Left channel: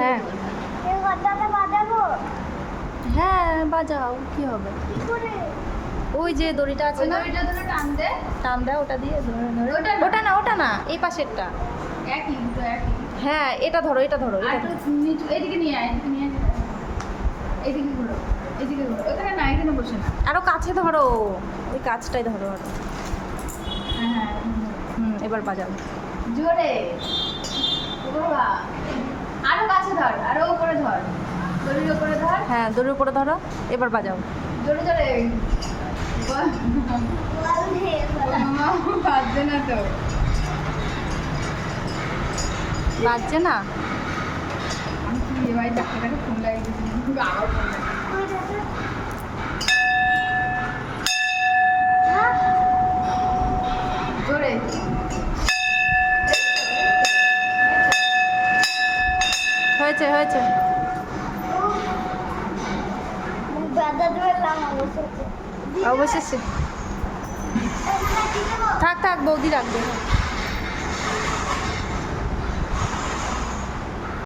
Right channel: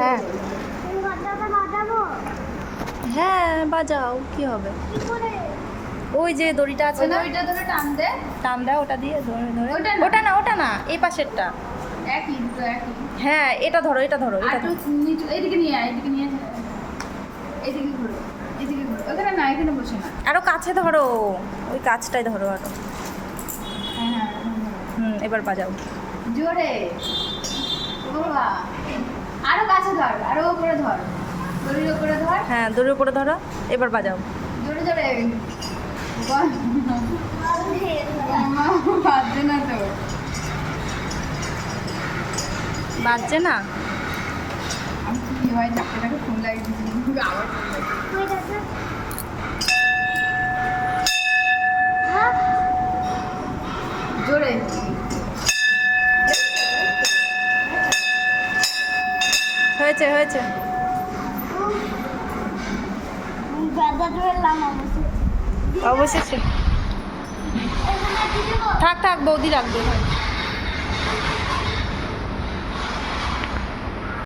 হ্যাঁ হ্যাঁ বাজাও, কি হবে? ওই যে দড়িটা আছে না, ওইটা ধরে টান দে। টান দাও ওটা দিয়ে, ধরে ধরে। ওটা না। ওটা না, এই পাশেরটা। একই দুটো একই। হ্যাঁ এটা ধরো, এটা ধরো, আর এটা একটু ধরো। নিচু এইদিকে নিয়ে আয়, এইদিকে নিয়ে আয়। এইদিকে ঘোরো, এইদিকে ঘোরো। ওখানে না, এখানে বসে না। আরো কাছে ধরো, ওই কাজটাই ধরো আরো। হ্যাঁ হ্যাঁ এবার বাজাও। জোরে। ও বাবা, আরো কাছে ধর, আরো উপরে ধর, দড়ির উপরে ধর। হ্যাঁ দড়ির উপরে ধরো, এবার বাজাও। জোরে জোরে বাজছে না তো। বাজছে না? আমি কি ভাই ডাক্তারটাকে ফোন লাগিয়ে দিয়েছি, আবার ফোন লাগিয়ে। জোরে। হয়েছে হয়েছে। অবশেষে। থাক থাক, বৌদি রাখবে।